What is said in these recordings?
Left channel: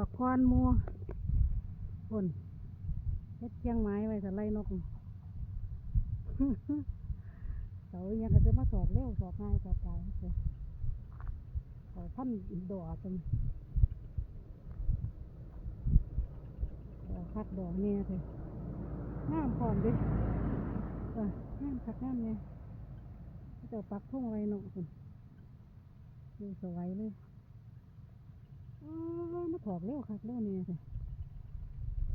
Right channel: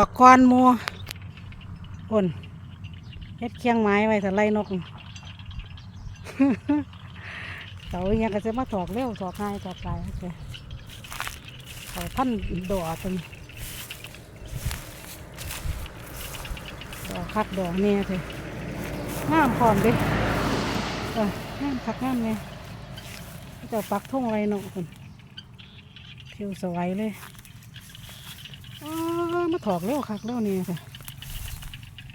ดอกก้อนหมัวคนเฮ็ดเคียงไม้ไว้แต่ไล่นกเสาอหยังก็จะมาถอกเร็วถอกง่ายถอกไปโอเคเขาพันดอกตรงนี้ดอกคักดอกเนี่ยเถอะงามพร้อมเดิเอองามคักงามเนี่ยเจ้าปักทุ่งไรนกคนผิวสวยเลยอ้ามา ถอกเร็วคักเร็วเนี่ยค่ะ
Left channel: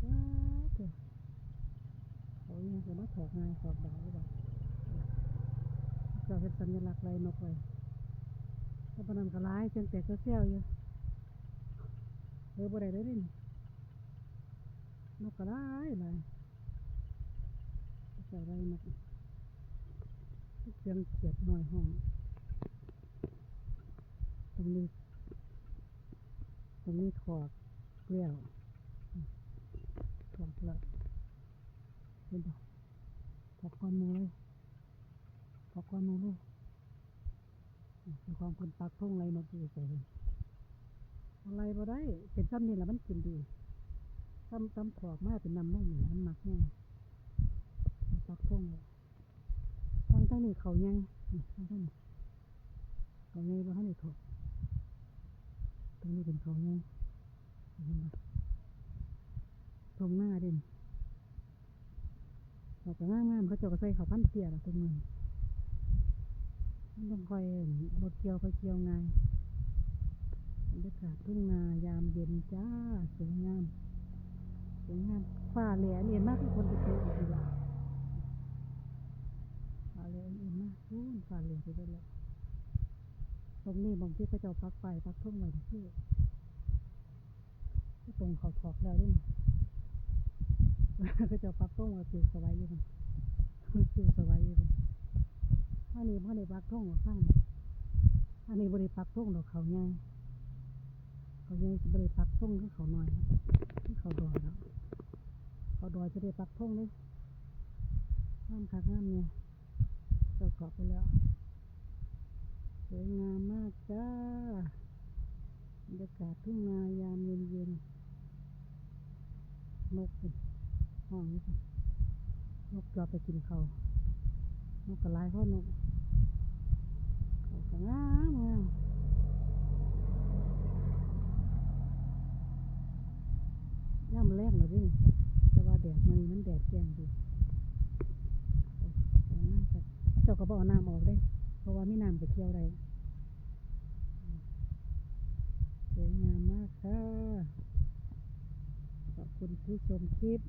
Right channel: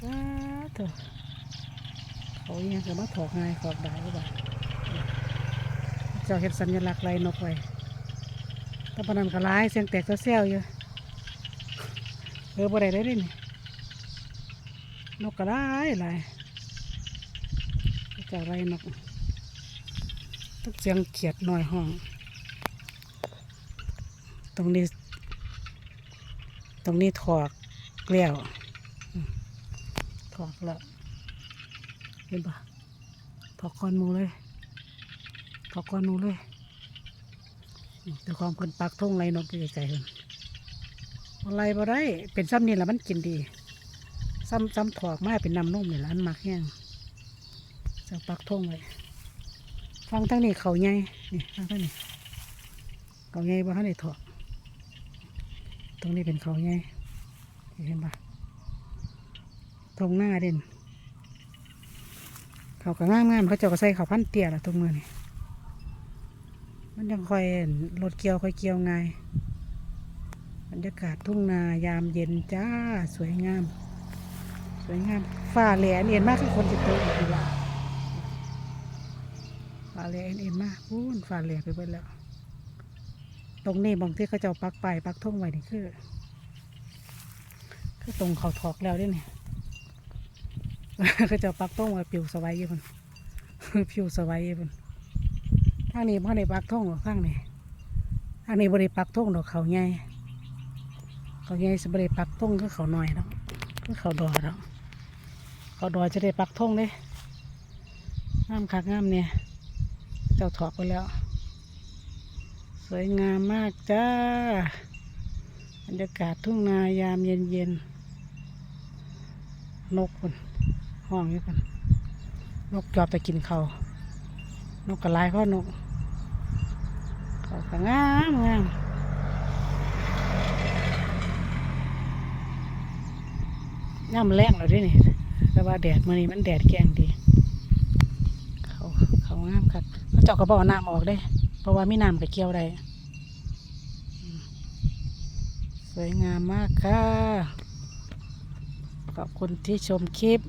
ว้าเถอะเขาเองจะมาถอกง่ายถอกได้หรือเปล่าเจ้าเห็นสัญลักษณ์ไรนกไว้ตะปานนันกร้ายเสียงแตกเซียวอยู่เออบ่ได้เลยเด้นี่นกกร้ายหลายเจ้าไรนกต้องเสียงเขียดหน่อยห้อง ตรงนี้ ตรงนี้ถอกแล้วถอกแล้วเห็นปะถอกก้อนมูเลยถอกก้อนมูเลยแต่ความคนปักทุ่งไรนกอยู่ใจเห็นอะไรบ่ได้ เป็นซ้ำนี่แหละมันกินดี ซ้ำซ้ำถอกมาเป็นน้ำนุ่มนี่แหละอันมักแห้งจะปักทุ่งไว้ฟังทั้งนี้เขาใหญ่นี่ฟังทั้งนี้เขาใหญ่บ่ทันได้ถอก ตรงนี้เป็นเขาไงเห็นปะตรงหน้าเด่นเขาก็ง่ามงามเขาเจ้าก็ใส่เขาพันเตี้ยละตรงมือนี่มันยังคอยรถเกี่ยวคอยเกี่ยวง่ายบรรยากาศทุ่งนายามเย็นจ้าสวยงาม สวยงามฟ้าแหลมเอ็นมากคือคนจะเตะอีกแล้วฟ้าแหลมเอ็นมากพูนฟ้าแหลไปเบิดแล้ว ตรงนี้บางที่เขาจะปักไปายปักท่งไว้นี่คือคือตรงเขาถอกแล้วเด้วยนี่ยเขาจะปักท่งไว้ปิวสบายอยู่คนปิวสบายอยู่คนทางนี้พ่ได้ปักท่งหรอข้างนี้ทางนี้บริปักท่งดอกเขาใหญ่เขาใหญ่สบริปักท่งคือเขาหน่อยเนาะคือเขาดอเนาะเขาดอจะได้ปักท่งเลยงามคักงามเนี่ยเจ้าถอกไปแล้ว วยงามมากจ้าบรรยากาศทุ่งนายามเย็นเย็นๆนกคนห้องอยู่คนนกจอบไปกินเขานกกระไลพ่อนกเขาก็งามงามย่ำแรงแล้วเด้วยนี่แต่ว่าแดดมื่อนี้มันแดดแกงดี เขาเขางามครับเขาเจาะกระบอกน้ำออกได้ เพราะว่ามีน้ำกับเกี่ยวได้สวยงามมากค่ะ ขอบคุณที่ชมคลิป